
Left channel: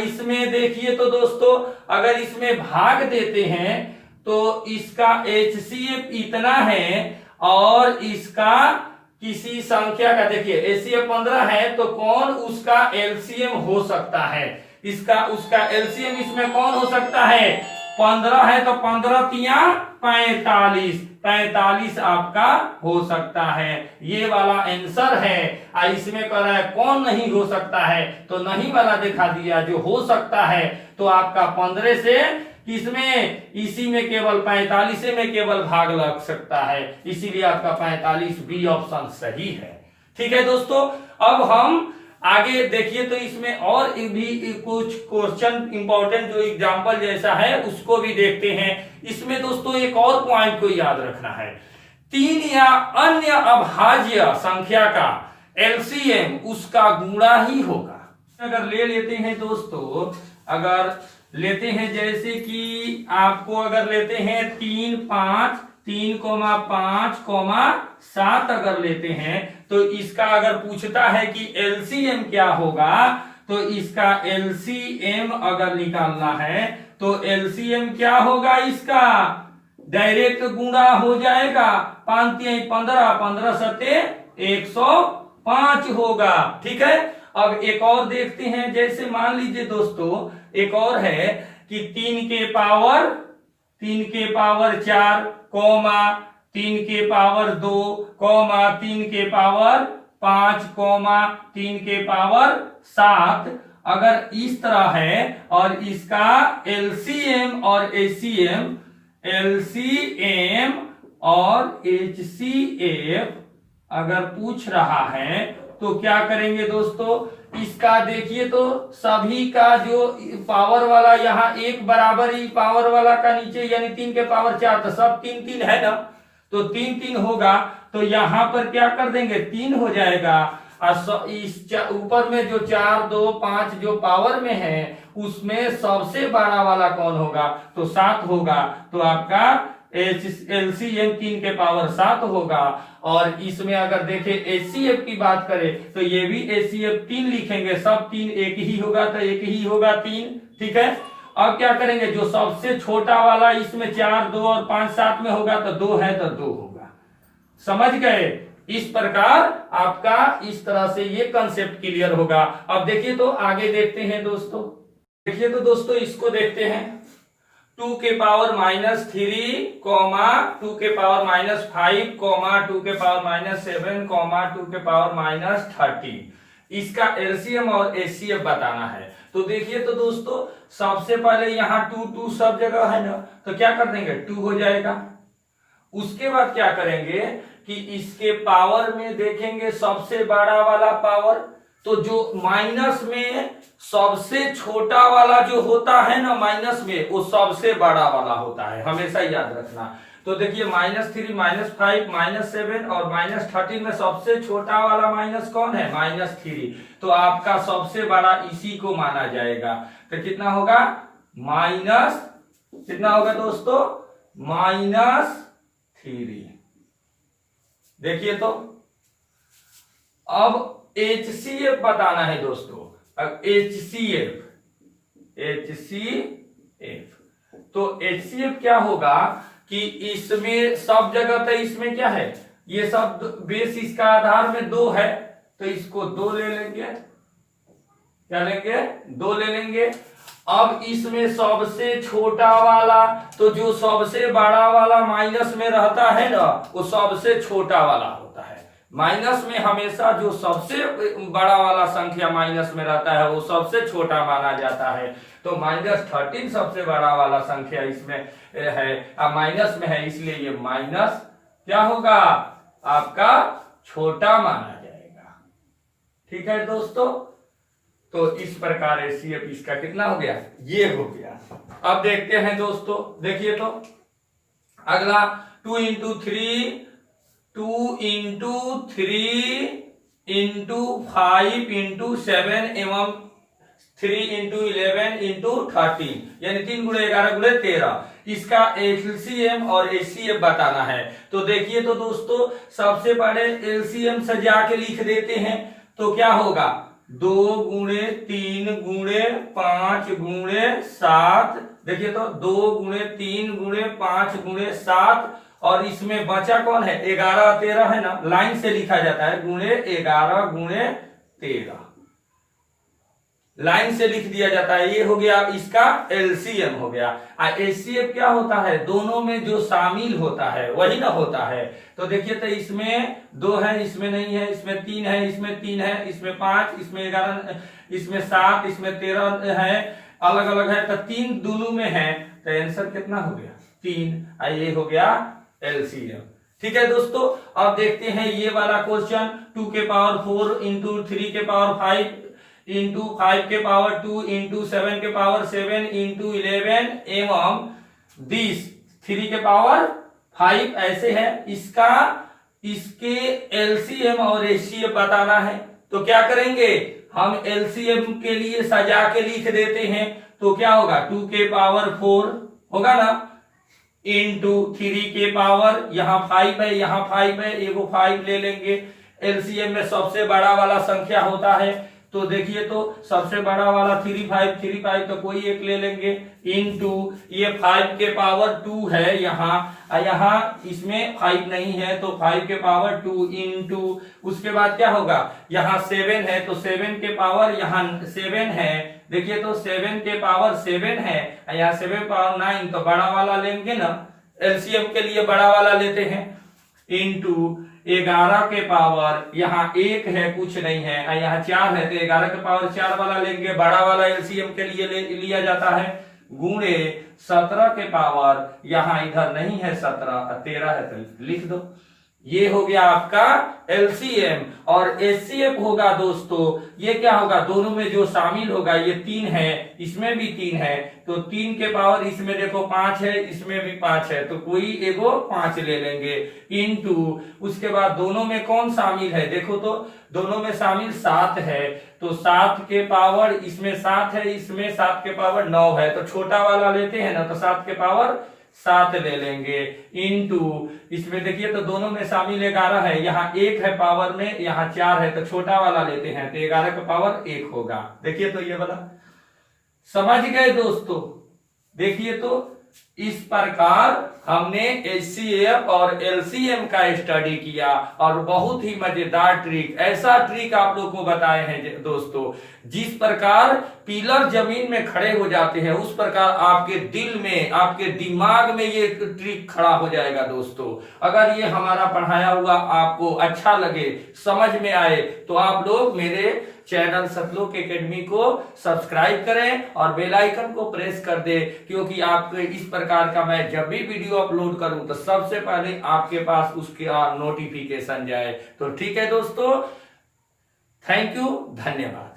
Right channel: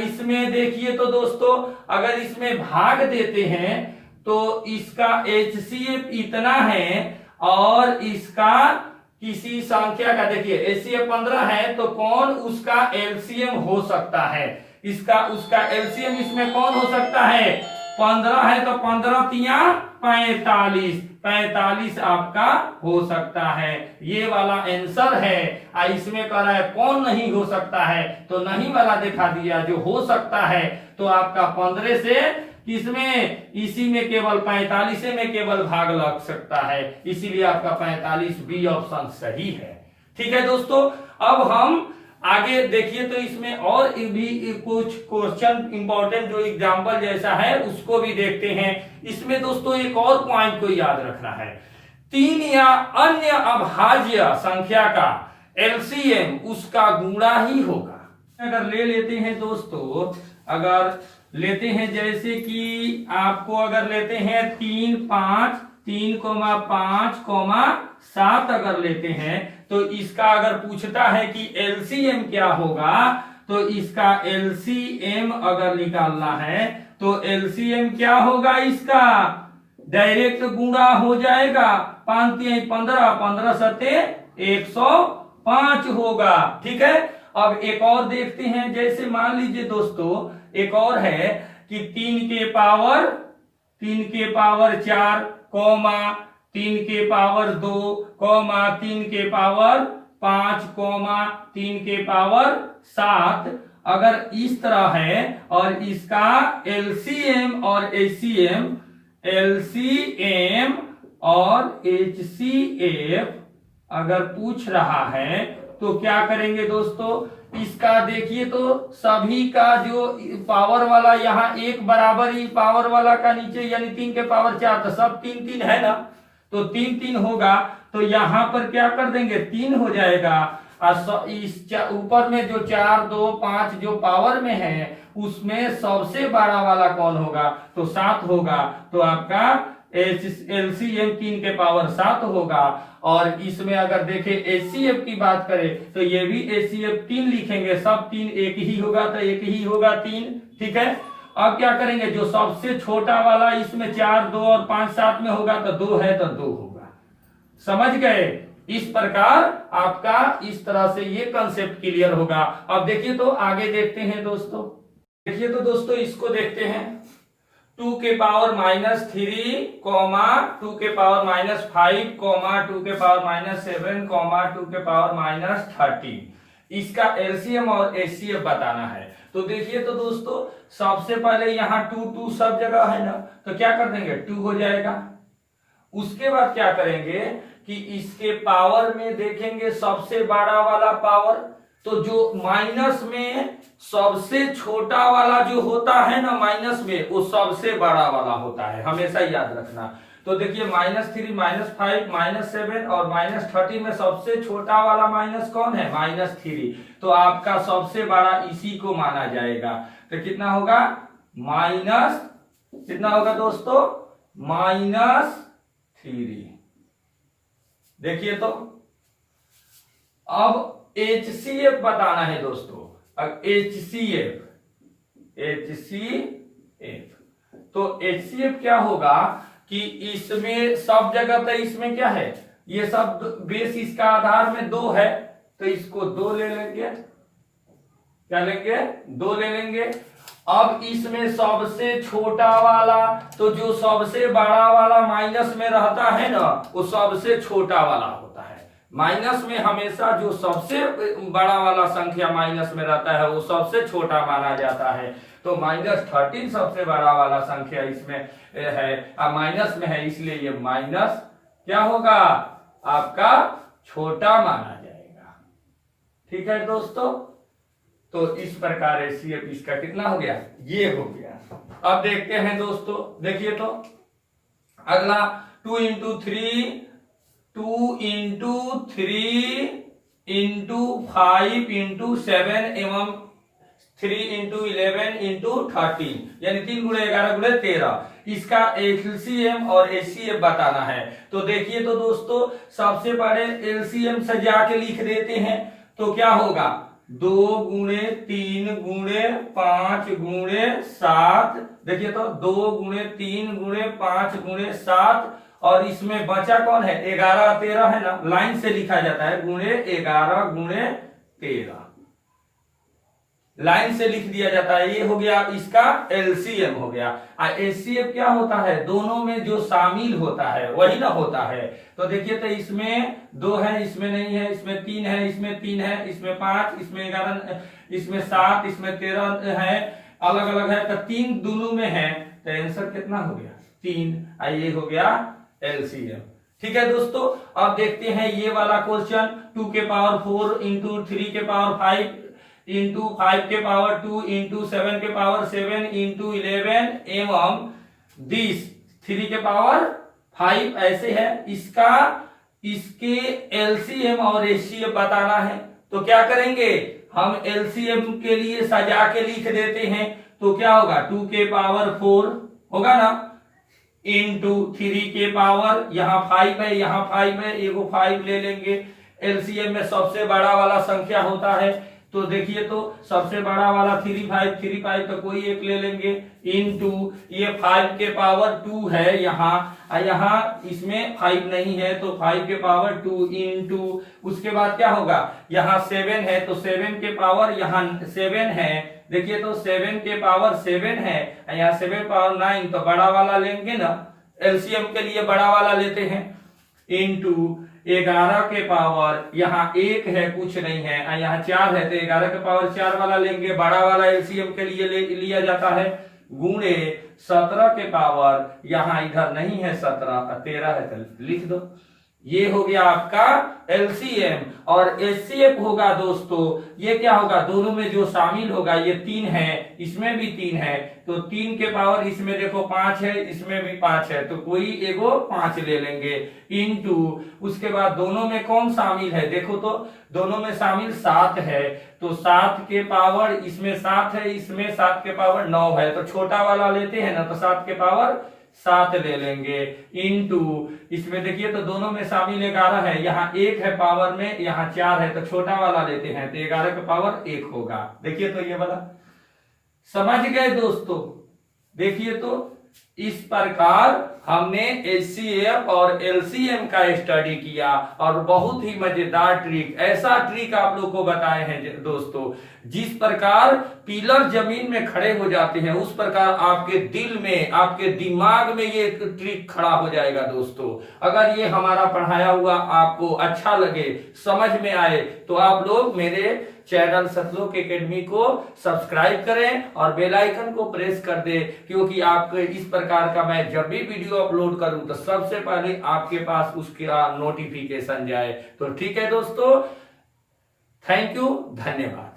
इसमें देखिए तो दोस्तों अगर इसमें भाग देते हैं तो इसका HCF इतना है और इसका किसी संख्या का देखिए HCF 15 है तो कौन उसका LCM हो सकता है। उसका LCM इसमें कौन हो सकता है, 15 है तो 15 तिया 45 आपका हो सकता है। ये वाला आंसर है। इसमें कह रहा है कौन नहीं हो सकता है, तो नहीं वाला दिखा दिया। जो हो सकता है तो आपका 15 से इसमें इसी में केवल 45 में केवल भाग लग सकता है, इसीलिए आपका 45 बी ऑप्शन सही है। ठीक है दोस्तों, अब हम आगे देखिए तो इसमें और भी कुछ क्वेश्चन इंपॉर्टेंट जो एग्जांपल जैसा है उसको भी देखते हैं। इसमें दोस्तों एक और पॉइंट को याद रखना है, 3 या अन्य अभाज्य संख्या का LCM उसका गुणा ही होगा। अगर ले लेते हैं दोस्तों, अगर लेते हैं जैसे कि आपको अगर लेते हैं 3, 5, 3, 5, 7 अगर लेते हैं तो इसका अगर पूछता है कि LCM क्या होगा, तो इसका LCM अगर निकालना है तो LCM क्या होगा, इसका डायरेक्ट गुणा हो जाएगा। 5 तिहाई 15, 15 सत्ते 105 होगा। ठीक है, अब एक और देखते हैं। जैसे मान लीजिए दोस्तों एक और है कि 3 के पावर 4, 3 के पावर 2, 3 के पावर 5, 3 के पावर 7 अगर इस तरह है और इसका LCM और HCF अगर पूछ रहा है तो क्या करेंगे दोस्तों, इसका देखिए तो सभी का जो पावर वाला यहाँ एक बराबर ही पावर वाला का नीचे यानी 3 के पावर 4 तो सब 3 है ना, तो 3 होगा। तो यहाँ पर क्या कर देंगे 3 हो जाएगा और इस ऊपर में जो 4, 2, 5 जो पावर में है उसमें सबसे बड़ा वाला कौन होगा, तो 7 होगा। तो आपका LCM 3 के पावर 7 होगा। और इसमें अगर देखें HCF की बात करें तो ये भी HCF 3 लिखेंगे, सब 3 एक ही होगा तो एक ही होगा 3। ठीक है, अब क्या करेंगे, जो सबसे छोटा वाला इसमें 4, 2 और 5 साथ में होगा तो 2 है तो 2 होगा। समझ गए। इस प्रकार आपका इस तरह से ये कंसेप्ट क्लियर होगा। अब देखिए तो आगे देखते हैं दोस्तों। देखिए तो दोस्तों इसको देखते हैं 2 के पावर -3, 2 के पावर -5, 2 के पावर -7, 2 के पावर -30। इसका एलसीएम और एचसीएफ बताना है। तो देखिए तो दोस्तों, सबसे पहले यहाँ 2 2 सब जगह है ना, तो क्या कर देंगे 2 हो जाएगा। उसके बाद क्या करेंगे कि इसके पावर में देखेंगे सबसे बड़ा वाला पावर, तो जो माइनस में सबसे छोटा वाला जो होता है ना माइनस में, वो सबसे बड़ा वाला होता है, हमेशा याद रखना। तो देखिए -3, -5, -7 और -13 में सबसे छोटा वाला माइनस कौन है, -3। तो आपका सबसे बड़ा इसी को माना जाएगा। तो कितना होगा माइनस, कितना होगा दोस्तों -3। देखिए तो अब HCF बताना है दोस्तों। अब HCF तो HCF क्या होगा कि इसमें सब जगह पे इसमें क्या है, ये सब बेस इसका आधार में 2 है, तो इसको 2 ले लेंगे। क्या लेंगे 2 ले लेंगे। अब इसमें सबसे छोटा वाला, तो जो सबसे बड़ा वाला माइनस में रहता है ना, वो सबसे छोटा वाला होता है। माइनस में हमेशा जो सबसे बड़ा वाला संख्या माइनस में रहता है वो सबसे छोटा माना जाता है। तो -13 सबसे बड़ा वाला संख्या इसमें है, माइनस में है, इसलिए ये माइनस क्या होगा आपका छोटा माना जाएगा। ठीक है दोस्तों, तो इस प्रकार HCF इसका कितना हो गया, ये हो गया। अब देखते हैं दोस्तों, देखिए तो अगला 2 × 3 2 × 3 × 5 × 7 एवं 3 × 11 × 13, यानी 3 × 11 × 13। इसका LCM और HCF बताना है। तो देखिए तो दोस्तों, सबसे पहले LCM से जाके लिख देते हैं। तो क्या होगा 2 × 3 × 5 × 7। देखिए तो 2 × 3 × 5 × 7, और इसमें बचा कौन है 11 13 है ना, लाइन से लिखा जाता है ×11 × 13, लाइन से लिख दिया जाता है। ये हो गया इसका LCM हो गया। HCF क्या होता है, दोनों में जो शामिल होता है वही ना होता है। तो देखिए तो इसमें 2 है, इसमें नहीं है, इसमें 3 है, इसमें 3 है, इसमें 5, इसमें 11, इसमें 7, इसमें 13 है, अलग अलग है, तो 3 दोनों में है। तो आंसर कितना हो गया 3। ये हो गया LCM। ठीक है दोस्तों, अब देखते हैं ये वाला क्वेश्चन। 2 के पावर 4 × 3 के पावर 5 × 5 के पावर 2 × 7 के पावर 7 × 11 एवं 20 3 के पावर 5 ऐसे है। इसके LCM और HCF बताना है। तो क्या करेंगे हम LCM के लिए सजा के लिख देते हैं। तो क्या होगा 2 के पावर 4 होगा ना, इंटू 3 के पावर, यहाँ 5 है, यहाँ 5 है, एगो 5 ले लेंगे। LCM में सबसे बड़ा वाला संख्या होता है, तो देखिए तो सबसे बड़ा वाला 3 5 तो कोई एक ले लेंगे, इंटू ये 5 के पावर 2 है यहाँ इसमें 5 नहीं है, तो 5 के पावर 2 इंटू, उसके बाद क्या होगा यहाँ 7 है, तो 7 के पावर यहाँ 7 है। देखिए तो 7 के पावर 7 है, यहाँ 7 पावर 9, तो बड़ा वाला लेंगे ना, LCM के लिए बड़ा वाला लेते हैं, इंटू 11 के पावर यहाँ 1 है, कुछ नहीं है, यहाँ 4 है, तो 11 के पावर 4 वाला लेंगे, बड़ा वाला LCM के लिए लिया जाता है, गुणे 17 के पावर, यहाँ इधर नहीं है 17 13 है, तो लिख दो। ये हो गया आपका LCM। और HCF होगा दोस्तों, ये क्या होगा दोनों में जो शामिल होगा, ये 3 है, इसमें भी 3 है, तो 3 के पावर इसमें देखो 5 है, इसमें भी 5 है, तो कोई एगो 5 ले लेंगे, इंटू उसके बाद दोनों में कौन शामिल है, देखो तो दोनों में शामिल 7 है, तो 7 के पावर इसमें 7 है, इसमें 7 के पावर 9 है, तो छोटा वाला लेते हैं ना, तो 7 के पावर 7 ले लेंगे, इंटू इसमें देखिए तो दोनों में शामिल 11 है, यहाँ 1 है पावर में, यहाँ 4 है, तो छोटा वाला लेते हैं, तो 11 का पावर 1 होगा। देखिए तो ये वाला समझ गए दोस्तों। देखिए तो इस प्रकार हमने HCF और LCM का स्टडी किया, और बहुत ही मजेदार ट्रिक, ऐसा ट्रिक आप लोग को बताए हैं दोस्तों, जिस प्रकार पिलर जमीन में खड़े हो जाते हैं उस प्रकार आपके दिल में, आपके दिमाग में ये ट्रिक खड़ा हो जाएगा दोस्तों। अगर ये हमारा पढ़ाया हुआ आपको अच्छा लगे, समझ में आए, तो आप लोग मेरे चैनल सतलोक एकेडमी को सब्सक्राइब करें और बेल आइकन को प्रेस कर दे, क्योंकि आपको इस प्रकार का मैं जब भी वीडियो अपलोड करूं तो सबसे पहले आपके पास उसका नोटिफिकेशन जाए। तो ठीक है दोस्तों, थैंक यू, धन्यवाद।